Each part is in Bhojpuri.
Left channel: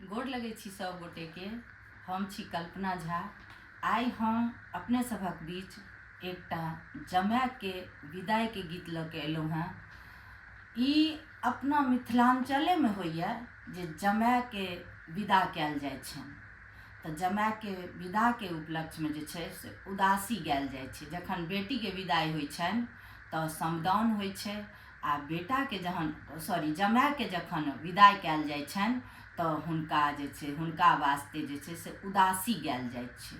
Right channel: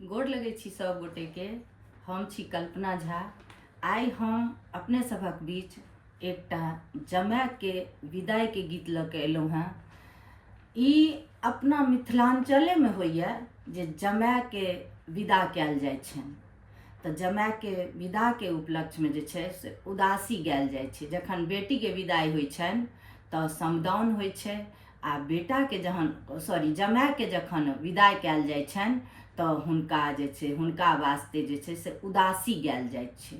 गोड़ लगै छी सब गोटे के। हम छी कल्पना झा। आई हम अपने सभक बीच एकटा जमाय के विदाई के गीत लऽ के एलहुँ हैं। ई अपना मिथिलांचले में होइए जे जमाय के विदा कयल जाइ छनि। तऽ जमाय के विदा के उपलक्ष्य में जे छै से उदासी गायल जाइ छै। जखन बेटी के विदाई होइ छनि तऽ समदाउन होइ छै, आ बेटा के जमाय के जखन विदाई कयल जाइ छनि तऽ हुनका वास्ते जे छै से उदासी गायल जाइ छै।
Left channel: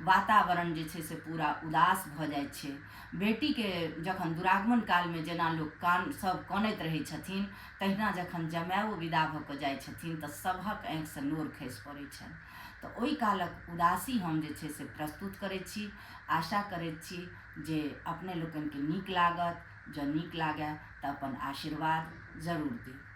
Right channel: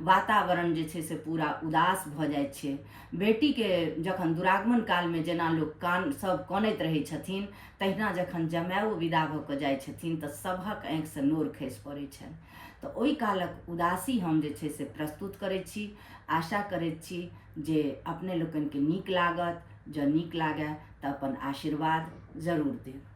वातावरण जे छै से पूरा उदास भऽ जाइ छै। बेटी के जखन दुरागमन काल में जेना लोक सब कानैत रहै छथिन, तहिना जखन जमायो विदा भऽ कऽ जाइ छथिन तऽ सभक आँखि से नोर खसि पड़ै छनि। तऽ ओहि कालक उदासी हम जे छै से प्रस्तुत करै छी। आशा करैत छी जे अपने लोकनि के नीक लागत। जँ नीक लागय तऽ अपन आशीर्वाद जरूर देब।